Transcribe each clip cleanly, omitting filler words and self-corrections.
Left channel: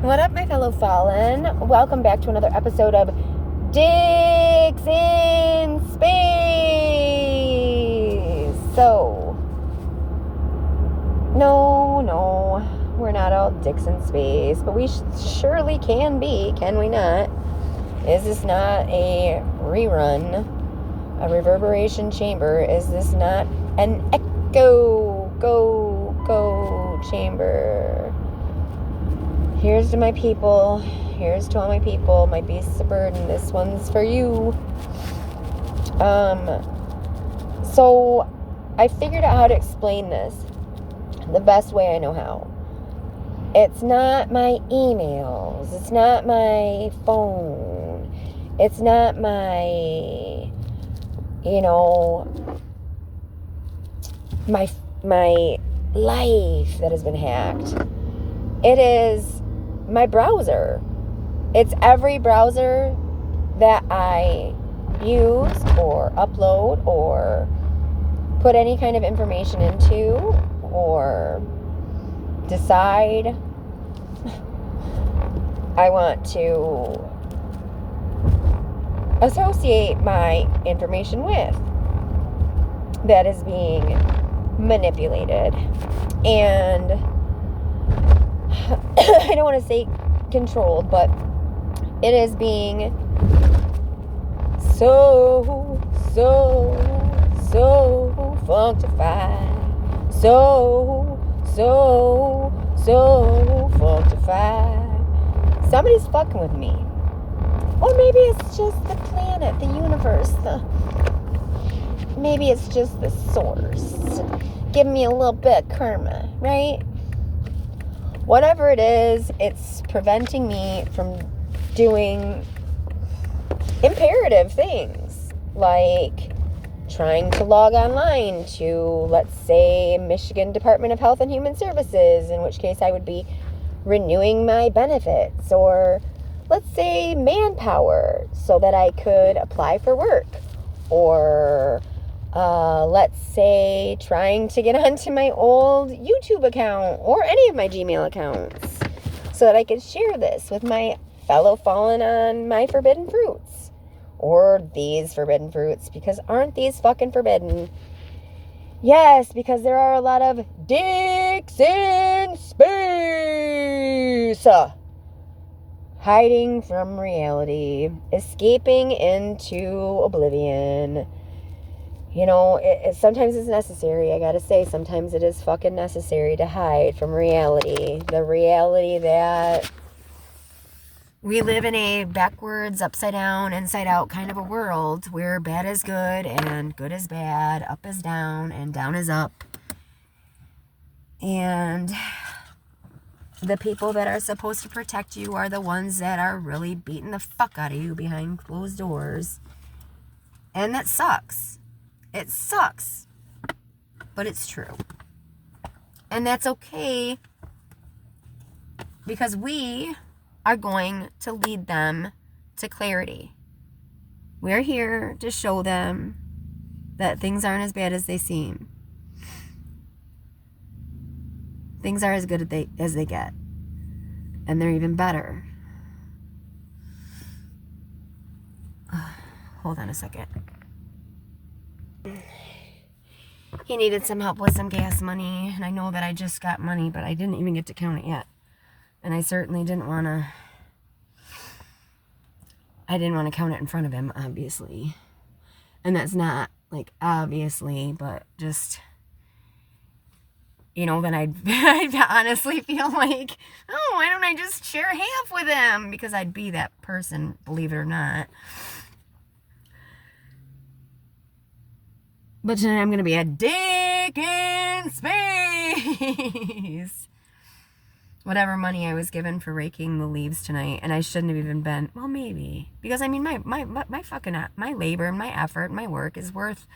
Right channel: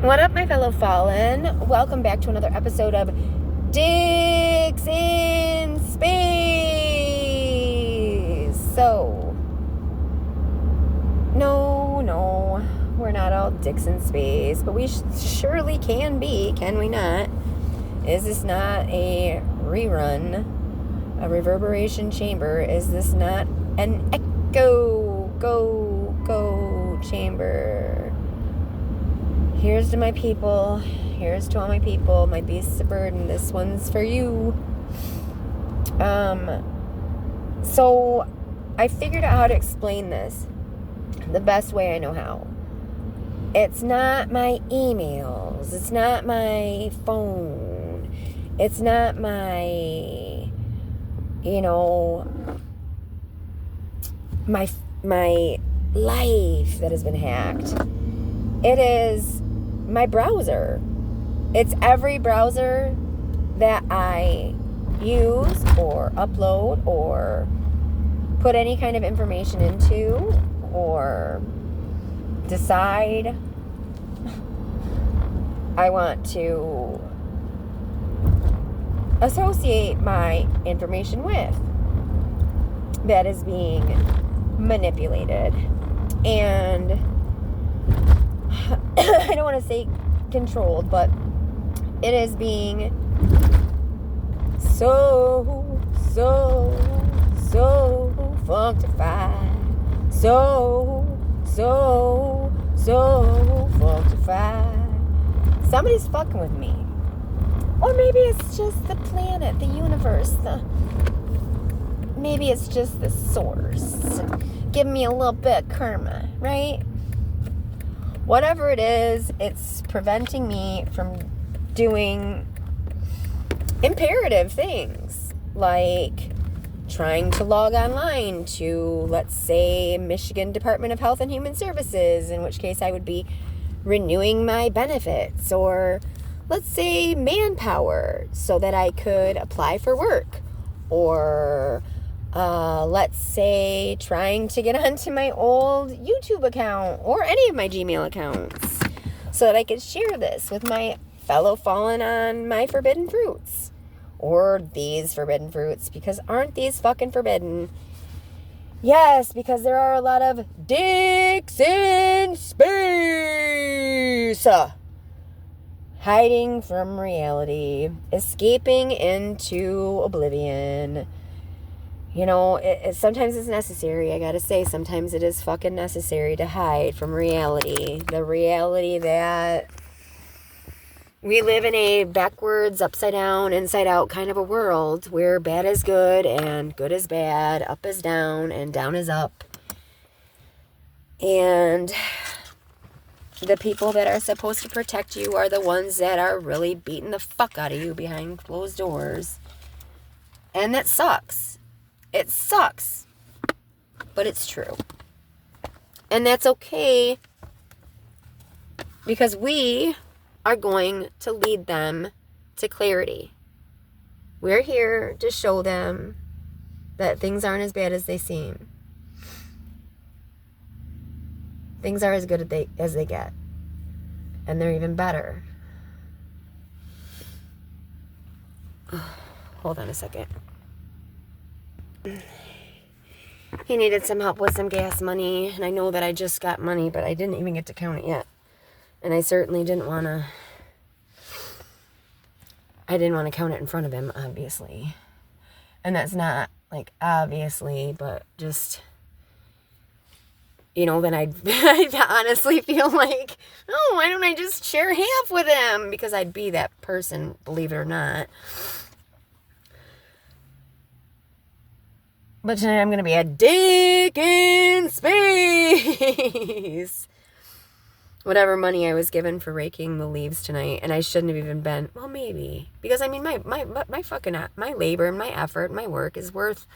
What up, my fellow fallen? Welcome back to another episode of Dicks in Space. So, no, we're not all dicks in space, but we surely can be, can we not? Is this not a rerun, a reverberation chamber? Is this not an echo go chamber? Here's to my people. Here's to all my people. My beasts of burden. This one's for you. So I figured out how to explain this the best way I know how. It's not my emails. It's not my phone. It's not my, my life that has been hacked. It is my browser. It's every browser that I use or upload or put any kind of information into or decide I want to associate my information with that is being manipulated. And I don't want to say controlled, but it is being so functified. So functified. Somebody's fucking with me. Or maybe it's just the planet, the universe, maybe it's just the source. Give me a little bit of karma, right? Whatever it is, it's preventing me from doing imperative things, like trying to log online to, let's say, Michigan Department of Health and Human Services, in which case I would be renewing my benefits, or let's say Manpower, so that I could apply for work, or let's say trying to get onto my old YouTube account or any of my Gmail accounts so that I could share this with my fellow fallen on my forbidden fruits or these forbidden fruits, because aren't these fucking forbidden? Yes, because there are a lot of dicks in space hiding from reality, escaping into oblivion. Sometimes it's necessary, I gotta say. Sometimes it is fucking necessary to hide from reality. The reality that we live in a backwards, upside down, inside out kind of a world where bad is good and good is bad, up is down and down is up. And the people that are supposed to protect you are the ones that are really beating the fuck out of you behind closed doors. And that sucks. It sucks, but it's true. And that's okay, because we are going to lead them to clarity. We're here to show them that things aren't as bad as they seem. Things are as good as they get. And they're even better. Hold on a second. He needed some help with some gas money, and I know that I just got money, but I didn't even get to count it yet. And I certainly didn't want to count it in front of him, obviously. And that's not, like, obviously, but just, then I'd honestly feel like, oh, why don't I just share half with him? Because I'd be that person, believe it or not. But tonight I'm going to be a dick in space. Whatever money I was given for raking the leaves tonight, and I shouldn't have even been, well, maybe. Because, my labor and my effort and my work is worth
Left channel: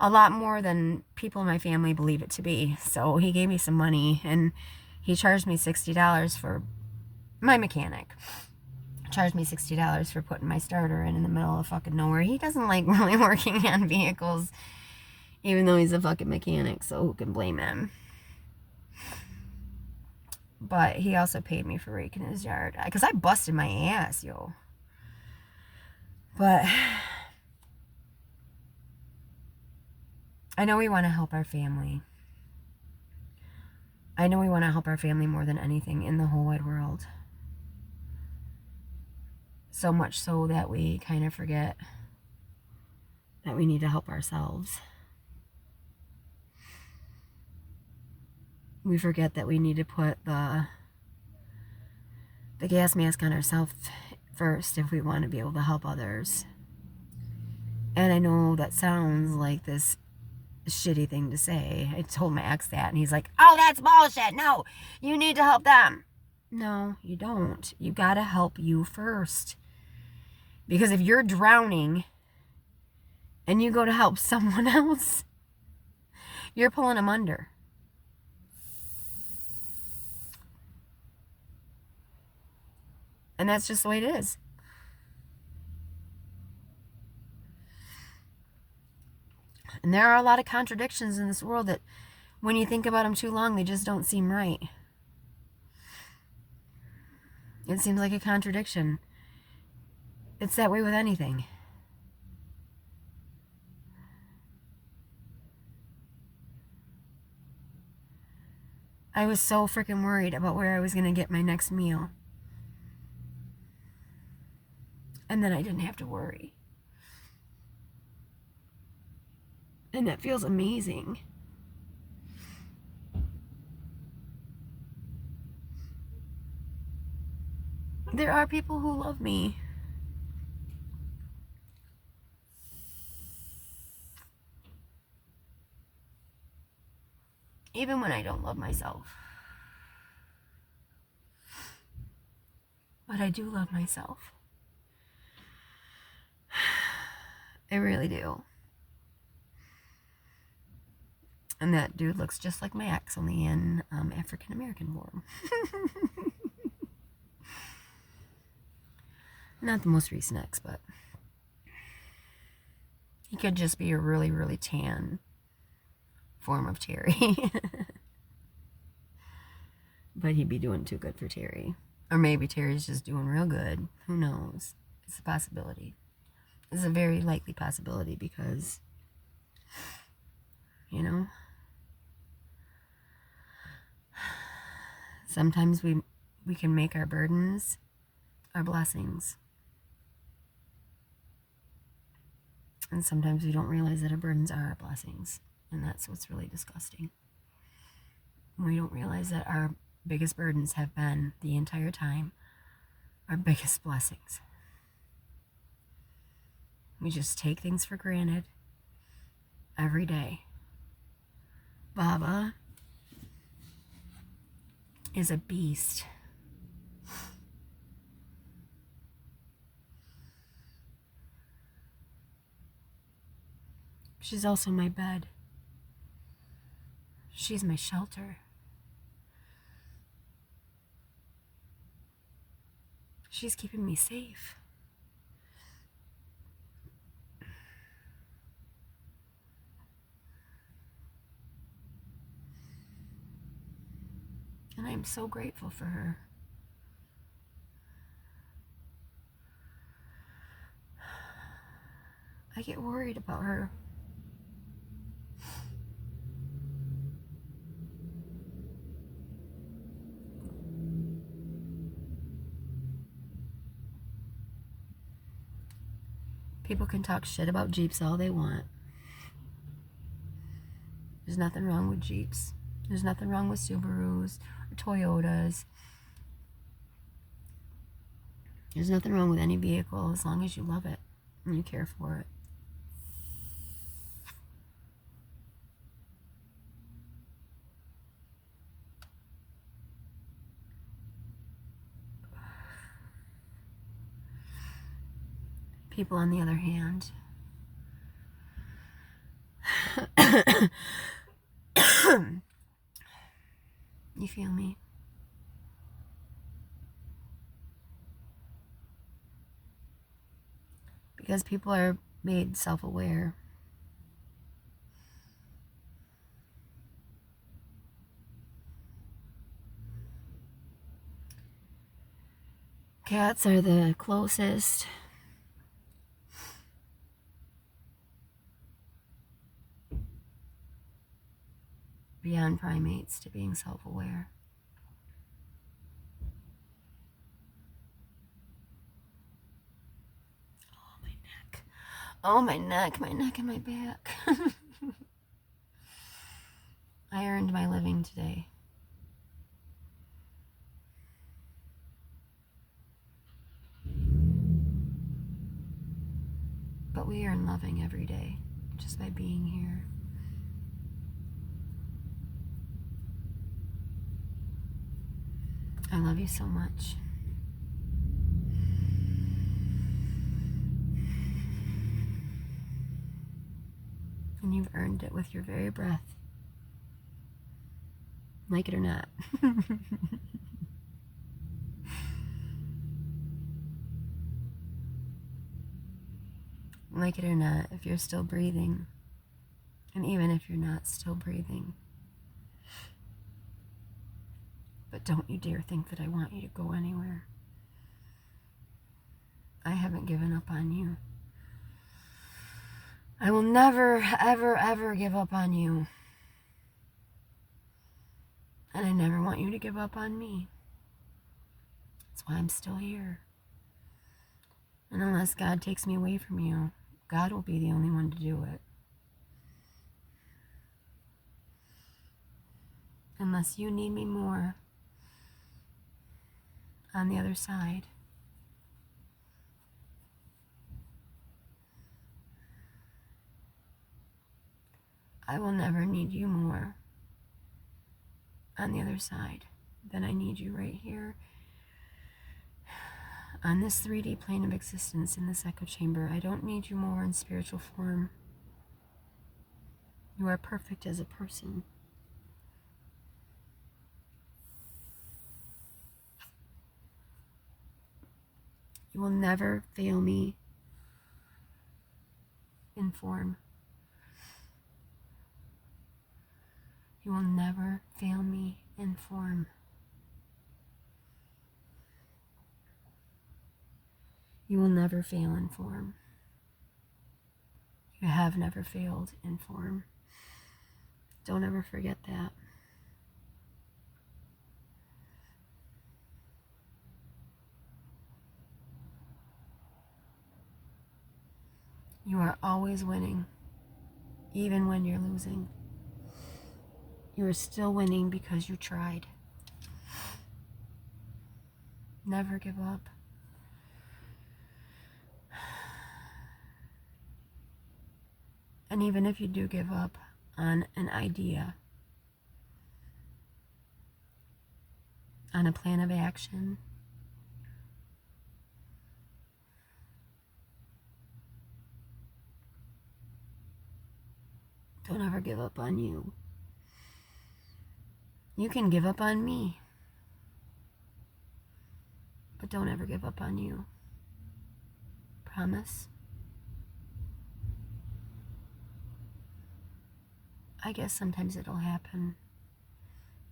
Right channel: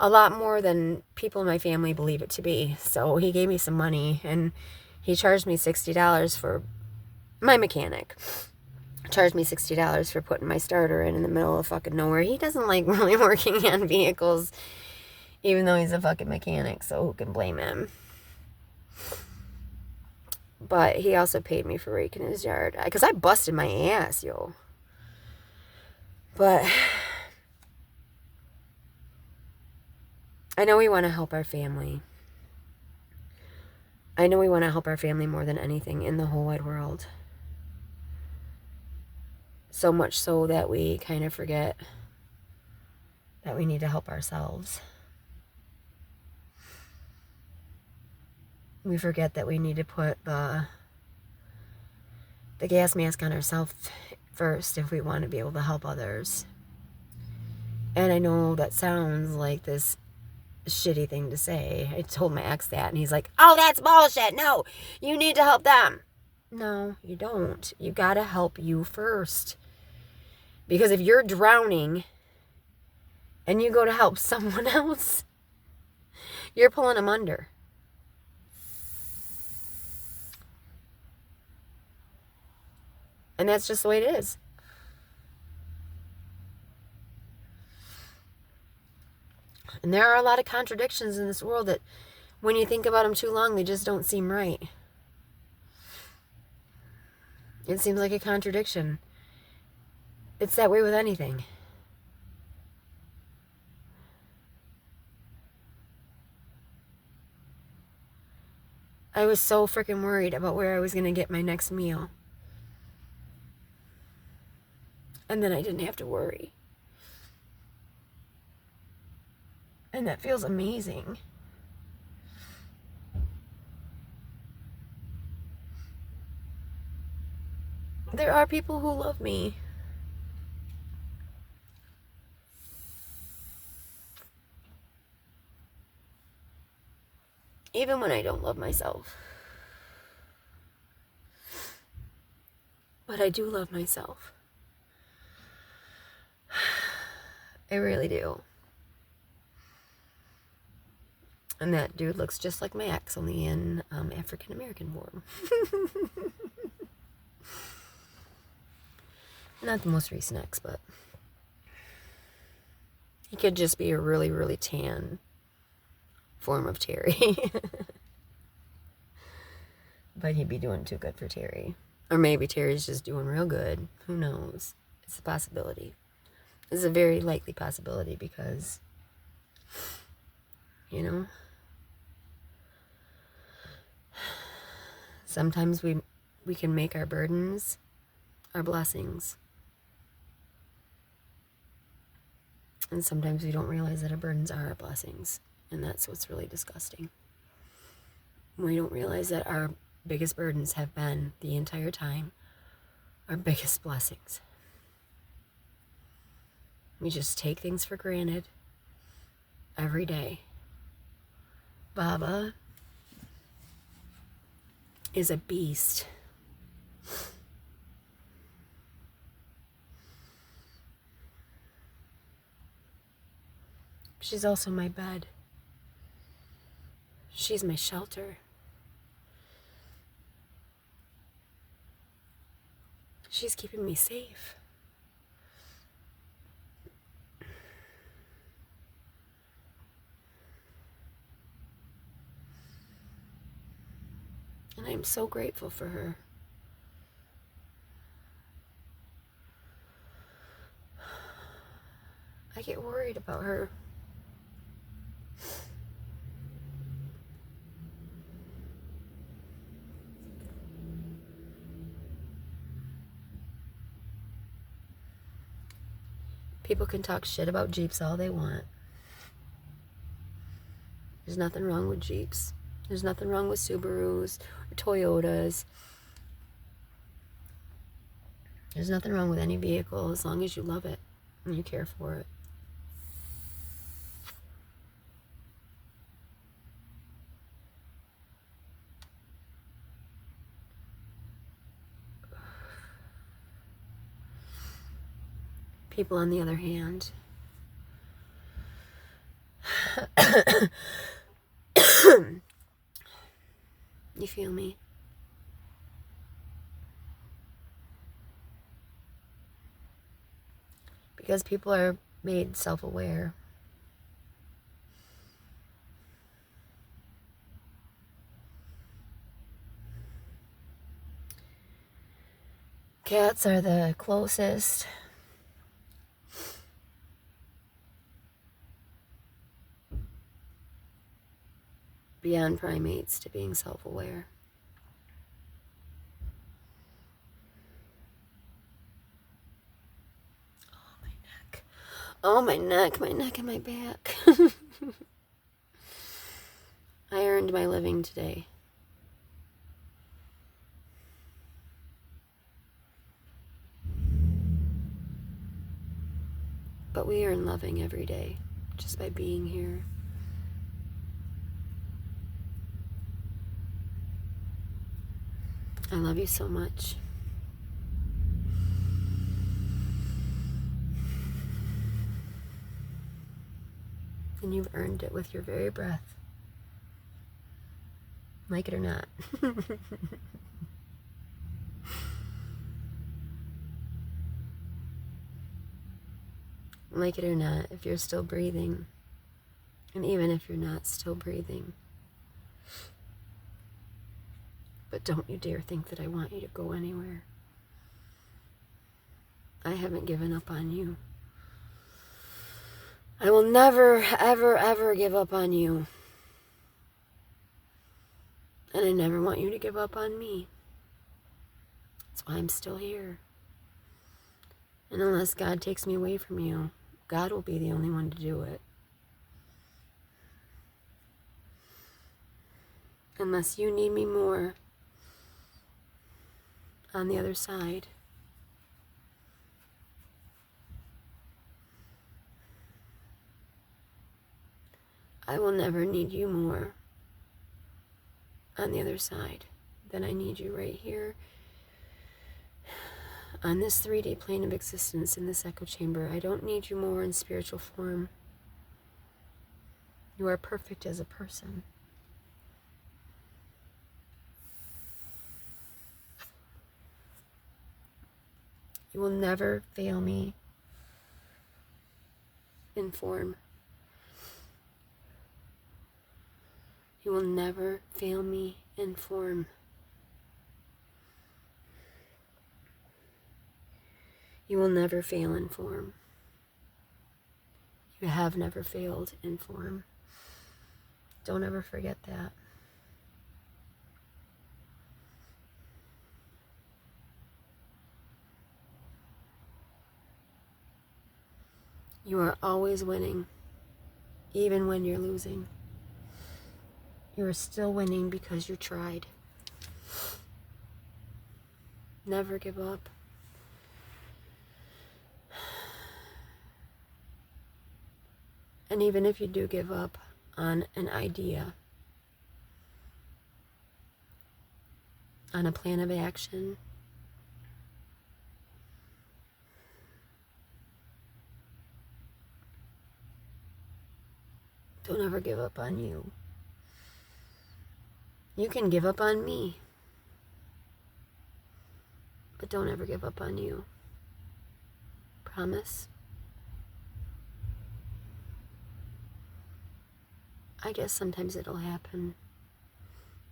a lot more than people in my family believe it to be. So he gave me some money, and he charged me $60 for my mechanic. Charged me $60 for putting my starter in the middle of fucking nowhere. He doesn't like really working on vehicles, even though he's a fucking mechanic, so who can blame him? But he also paid me for raking his yard. Because I busted my ass, yo. But I know we want to help our family. I know we want to help our family more than anything in the whole wide world. So much so that we kind of forget that we need to help ourselves. We forget that we need to put the gas mask on ourselves first if we want to be able to help others. And I know that sounds like this shitty thing to say. I told my ex that, and he's like, oh, that's bullshit. No, you need to help them. No, you don't. You gotta help you first. Because if you're drowning and you go to help someone else, you're pulling them under. And that's just the way it is. And there are a lot of contradictions in this world that when you think about them too long, they just don't seem right. It seems like a contradiction. It's that way with anything. I was so freaking worried about where I was going to get my next meal. And then I didn't have to worry. And that feels amazing. There are people who love me. Even when I don't love myself. But I do love myself. I really do. And that dude looks just like my ex, only in African American form. Not the most recent ex, but he could just be a really, really tan form of Terry. But he'd be doing too good for Terry. Or maybe Terry's just doing real good. Who knows? It's a possibility. It's a very likely possibility because, you know, sometimes we can make our burdens our blessings. And sometimes we don't realize that our burdens are our blessings. And that's what's really disgusting. We don't realize that our biggest burdens have been the entire time our biggest blessings. We just take things for granted every day. Baba is a beast. She's also my bed. She's my shelter. She's keeping me safe. And I am so grateful for her. I get worried about her. People can talk shit about Jeeps all they want. There's nothing wrong with Jeeps. There's nothing wrong with Subarus or Toyotas. There's nothing wrong with any vehicle as long as you love it and you care for it. People, on the other hand, you feel me? Because people are made self-aware. Cats are the closest beyond primates to being self-aware. Oh, my neck and my back. I earned my living today. But we earn loving every day just by being here. I love you so much. And you've earned it with your very breath. Like it or not. Like it or not, if you're still breathing, and even if you're not still breathing. But don't you dare think that I want you to go anywhere. I haven't given up on you. I will never, ever, ever give up on you. And I never want you to give up on me. That's why I'm still here. And unless God takes me away from you, God will be the only one to do it. Unless you need me more on the other side. I will never need you more on the other side than I need you right here on this 3D plane of existence in this echo chamber. I don't need you more in spiritual form. You are perfect as a person. You will never fail me in form. You will never fail me in form. You will never fail in form. You have never failed in form. Don't ever forget that. You are always winning, even when you're losing. You are still winning because you tried. Never give up. And even if you do give up on an idea, on a plan of action, don't ever give up on you. You can give up on me, but don't ever give up on you. Promise? I guess sometimes it'll happen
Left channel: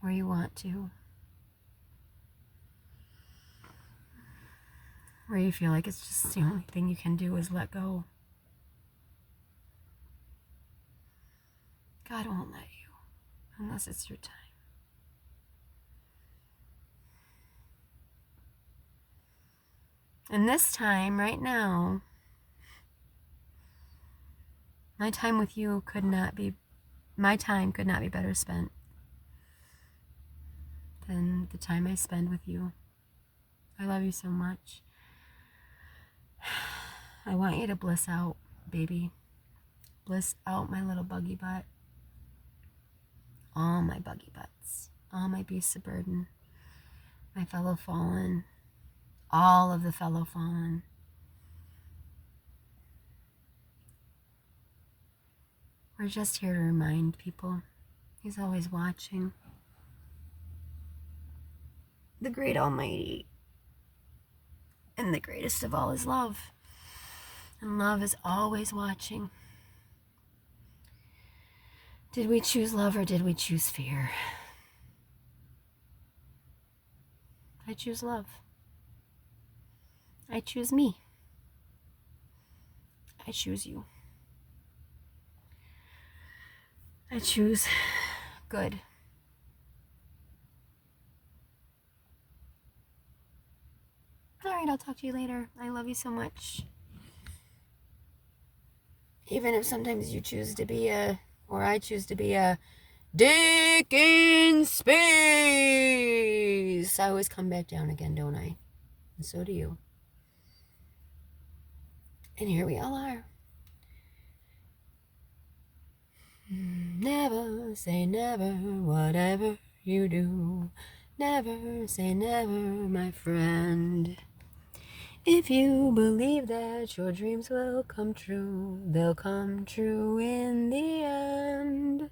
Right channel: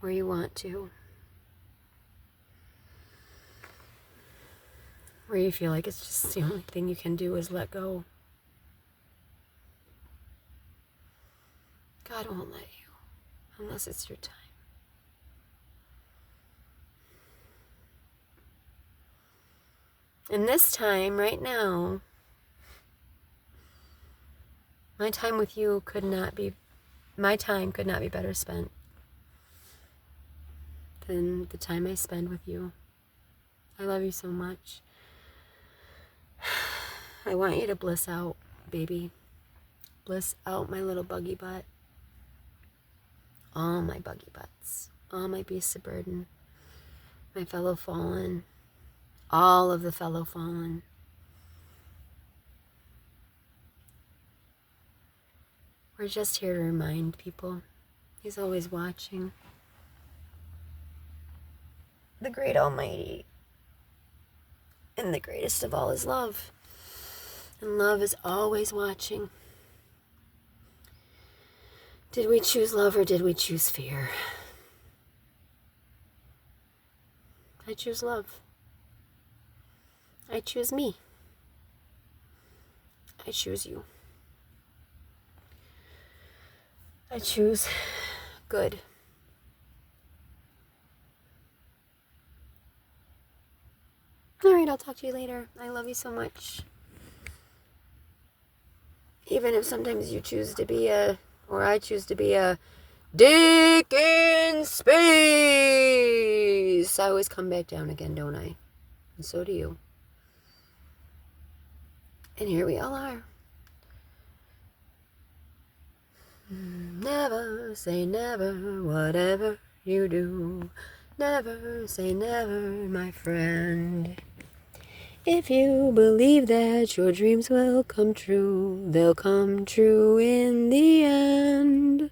where you want to, where you feel like it's just the only thing you can do is let go. God won't let you unless it's your time. And this time, right now, my time with you could not be better spent than the time I spend with you. I love you so much. I want you to bliss out, baby. Bliss out my little buggy butt. All my buggy butts. All my beasts of burden. My fellow fallen. All of the fellow fallen. We're just here to remind people. He's always watching. The great Almighty. And the greatest of all is love. And love is always watching. Did we choose love or did we choose fear? I choose love. I choose me. I choose you. I choose good. All right, I'll talk to you later. I love you so much. Even if sometimes you choose to be or I choose to be a dick in space, I always come back down again, don't I? And so do you. And here we all are. Never say never, whatever you do. Never say never, my friend. If you believe that your dreams will come true, they'll come true in the end.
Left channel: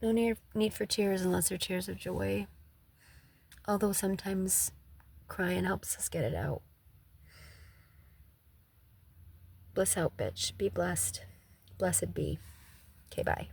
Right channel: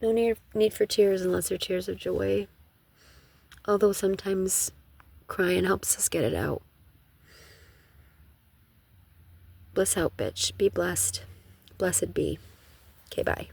No need for tears unless they're tears of joy. Although sometimes crying helps us get it out. Bliss out, bitch. Be blessed. Blessed be. Okay, bye.